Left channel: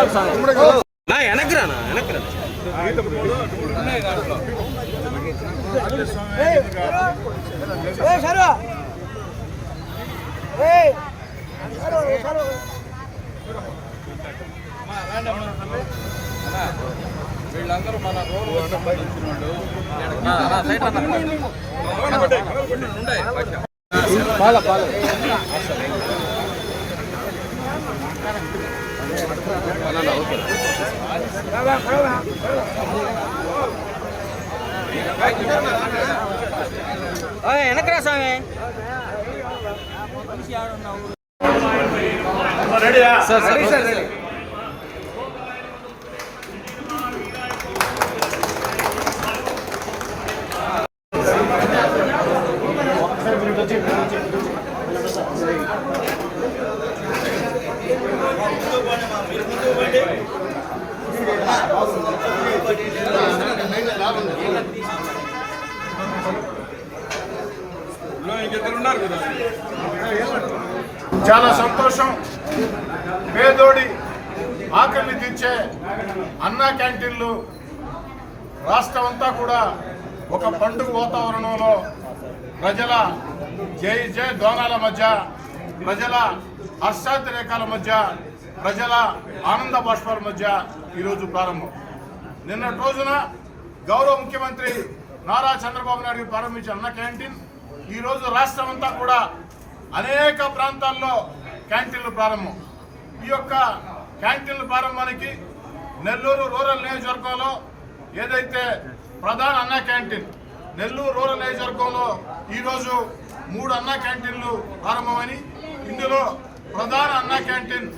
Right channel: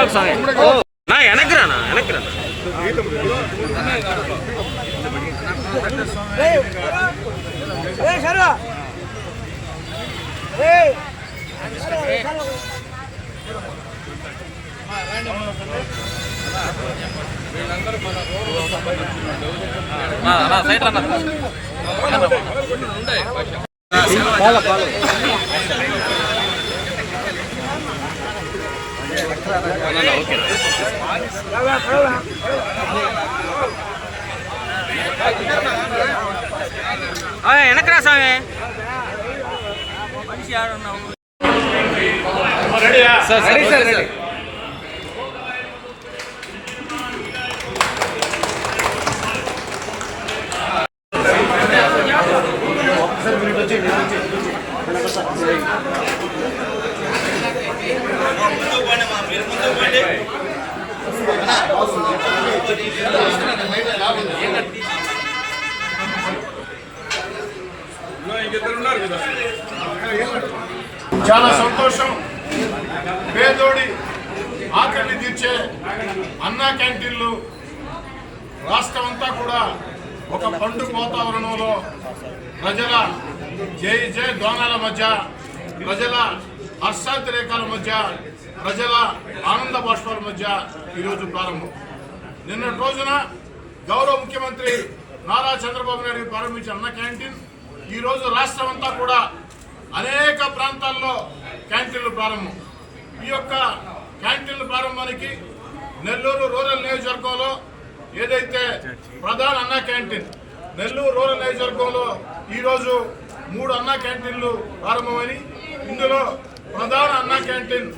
వెనక్రానా వీళ్ళందరూ మన రోడ్డు సంబంధించిన వెనక్రా స్వామి మనిషి ఆడున్నావు సార్ సార్ చాలా సంతోషం. పేదోడి ఆకలిని తీర్చే అన్నా క్యాంటీన్లు రాష్ట్రం అంతా కూడా ఒక పండుగ వాతావరణంలో ప్రజల జై జై దోనాల మధ్య, ప్రజల హర్షాతిరేకాల మధ్య, ప్రజల ఆనంద బాష్పాల మధ్య ఈరోజు ప్రారంభం. నిన్నటి రోజున గౌరవ ముఖ్యమంత్రి నారా చంద్రబాబు నాయుడు ప్రారంభించిన అన్న క్యాంటీన్ ఈరోజు రాష్ట్రం అంతా కూడా అనేక ప్రాంతాల్లో క్యాంటీన్లు ప్రారంభం. ఈ యొక్క క్యాంటీన్ల ప్రారంభానికి నెల్లూరు రూరల్ నియోజకవర్గంలో ఏదైతే ప్రధాన అన్నా క్యాంటీన్ నెల్లూరు రూరల్ నియోజకవర్గంలో ఈరోజు 3 అన్నా క్యాంటీన్లు ప్రారంభమని, ఇందులో ప్రధాన అన్నా క్యాంటీన్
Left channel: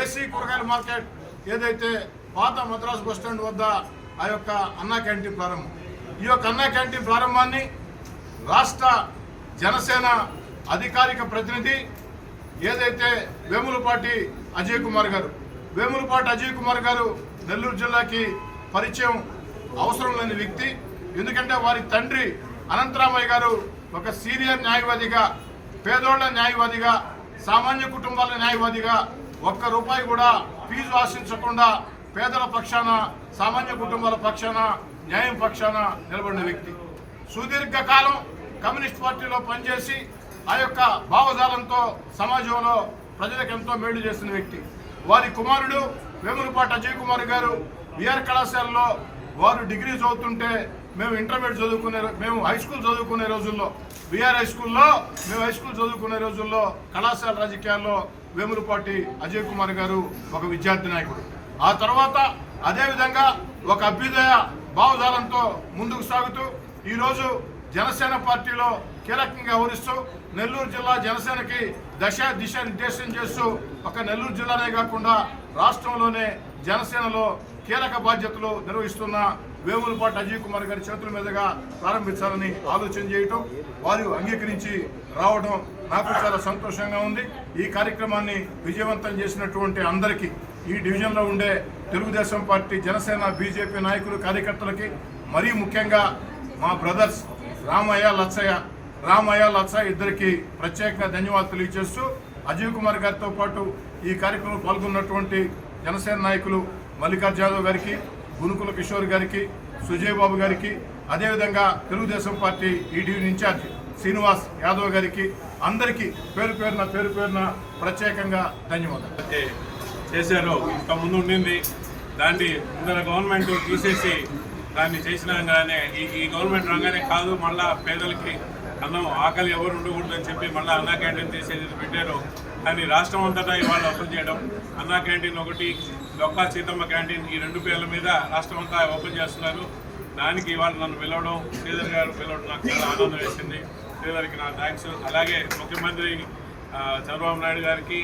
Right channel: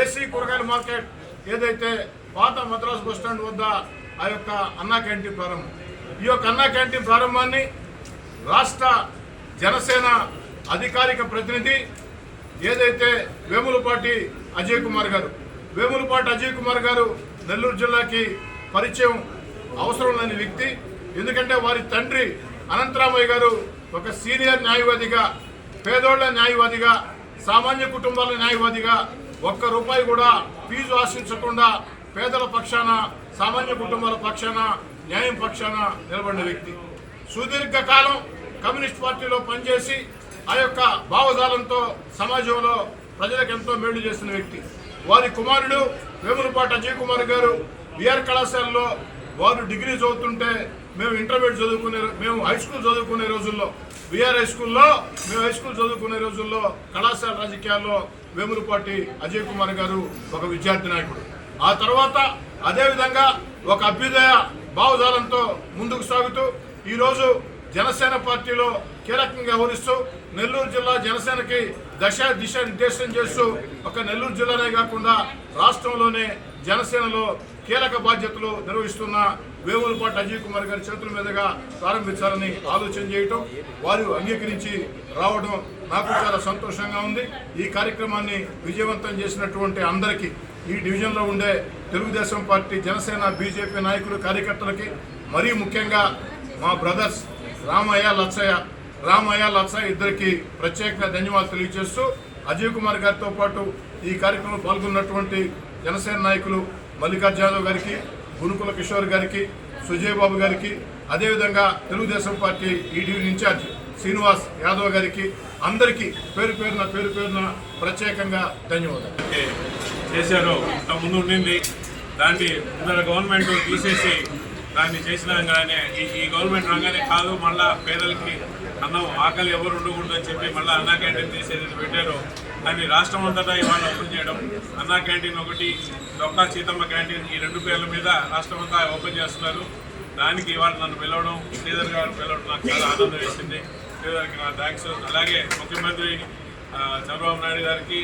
ఏసీ కూరగాయల మార్కెట్ ఏదైతే పాత మద్రాసు బస్టాండ్ వద్ద ఆ యొక్క అన్నా క్యాంటీన్ ప్రారంభం. ఈ యొక్క అన్నా క్యాంటీన్ ప్రారంభాన్ని రాష్ట్ర జనసేన అధికారిక ప్రతినిధి ఏదైతే వేములపాటి అజయ్ కుమార్ గారు నెల్లూరు జిల్లాకి పరిచయం అవసరం లేని వ్యక్తి. ఎందుకంటే వారి తండ్రి అనంతరామయ్య గారు ఒక సీనియర్ న్యాయవాదిగా, పేదోళ్ల న్యాయవాదిగా, సామాన్య కుటుంబాల న్యాయవాదిగా, ₹1 కూడా ఫీజు ఆశించకుండా పేదల పక్షాన, సామాన్య కుటుంబాల పక్షాన, న్యాయం పక్షాన నిలబడిన వ్యక్తి. సుదీర్ఘకాలం కమ్యూనిస్ట్ పార్టీలో పనిచేసి ఆ యొక్క భావజాలంతో సమాజంలో ప్రజలకు ఎంతో మేలు చేసిన వ్యక్తి. వారి కుమారుడు వేములపాటి అజయ్ కుమార్ గారు విఆర్ కళాశాలలో వారు డిగ్రీ చదువుతుంటే మేము హై స్కూల్ చదువుకునే రోజుల్లో, విఆర్ హై స్కూల్లో చదువుకునే రోజుల్లో కళాశాల రాజకీయాల్లో వేములపాటి అజయ్ కుమార్ గారు ఒక విద్యార్థి నాయకుడు. ఆ తర్వాత అదేవిధంగా ఒక అభ్యుదయ భావజాలంతో ముందుకు సాగుతూ ఈరోజు జనసేన పార్టీలో కీలకంగా వ్యవహరిస్తూ నెల్లూరు జిల్లా జనసేనకి దిశ నిర్దేశం చేస్తూ ఒక నెల్లూరు జిల్లానే కాకుండా రాష్ట్రంలోనే జనసేనలో కీలక బాధ్యతలు నిర్వహిస్తున్న వేములపాటి అజయ్ కుమార్ గారి చేతుల మీదుగా ప్రారంభించాలని ఆలోచన చేయటం, వారు అంగీకరించి రావడం నాకు చాలా సంతోషంగా ఉంది. ఈ కార్యక్రమాన్ని విజయవంతం చేసినటువంటి అందరికీ, ఈ డివిజన్లో ఉండే తెలుగుదేశం పార్టీ, జనసేన, బీజేపీ నాయకులు, కార్యకర్తలకి, మరీ ముఖ్యంగా మా బ్రదర్స్ రామయ్య లచ్చయ్య ఇద్దరికి ప్రత్యేకంగా ధన్యవాదాలు తెలియజేస్తూ, అజయ్ కుమార్ గారితో పాటు ఈ కార్యక్రమంలో పాల్గొన్నటువంటి జనసేన నాయకులు మల్లికార్జున యాదవ్ గారికి, గునుకుల కిషోర్ గారికి, సుజయ్ బాబు గారికి, అదేవిధంగా తెలుగుదేశం పార్టీ ఈ డివిజన్ ఇన్ఛార్జ్ శ్రీనివాస్ యాదవ్ గారికి, అందరికీ పేరు పేరున ప్రత్యేకంగా ధన్యవాదాలు చేశారు. ముందు ఉండింది దాన్ని గవర్నమెంట్ తీసేసి దాన్ని చేసినాగానే ఈ గవర్నమెంట్ రాగానే కాదు, మళ్ళీ పేదలకి అన్నం ఆకలి ఎవరు ఉండకూడదు అని చెప్పి మళ్ళీ అన్నా క్యాంటీన్ తీసేది పెట్టారు. కానీ రాష్ట్రం అంతటా ఇవాళ ఓపెన్ చేయడం, అన్నా క్యాంటీన్ ఒకటి, డొక్కా సీతమ్మ క్యాంటీన్, ఈ 2 పేర్ల మీద రాష్ట్రం అంతా ఓపెన్ చేస్తున్నారు. దానికి ఇవాళ నన్ను పిలవడం, శ్రీధర్ గారు పిలవడం నాకు చాలా ఆనందం వేసింది. శ్రీధర్కి నా థ్యాంక్స్. అలాగే ముఖ్యమంత్రి చంద్రబాబు నాయుడు గారికి,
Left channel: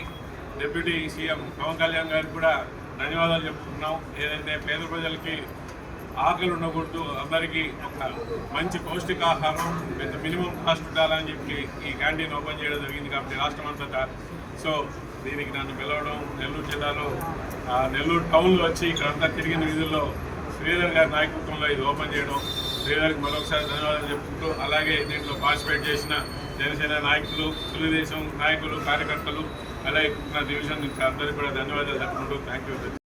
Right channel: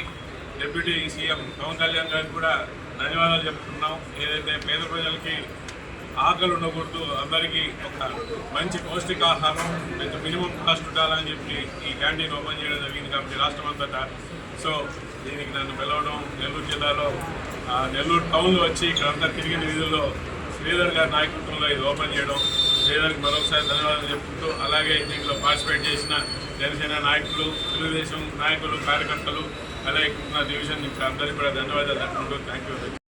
డిప్యూటీ సీఎం పవన్ కళ్యాణ్ గారికి కూడా ధన్యవాదాలు చెప్పుకుంటున్నాం. ఏదైతే పేద ప్రజలకి ఆకలి ఉండకూడదు, అందరికీ ఒక మంచి పౌష్టికాహారం విత్ మినిమం కాస్ట్ ఉండాలని చెప్పి ఈ క్యాంటీన్ ఓపెన్ చేయడం జరిగింది. కాబట్టి రాష్ట్రం అంతటా సో దీనికి నన్ను పిలవడం, నెల్లూరు జిల్లాలో నెల్లూరు టౌన్లో వచ్చి ఇక్కడంతా తిరిగిన వీధుల్లో శ్రీధర్ గారి నాయకత్వంలో ఇది ఓపెన్ చేయడం, శ్రీధర్కి మరొకసారి ధన్యవాదాలు చెప్పుకుంటూ, అలాగే దీంట్లో పార్టిసిపేట్ చేసిన జనసేన నాయకులు, తెలుగుదేశం నాయకులు, కార్యకర్తలు, అలాగే డివిజన్ అందరికీ కూడా ధన్యవాదాలు చెప్పుకుంటూ థ్యాంక్ యూ.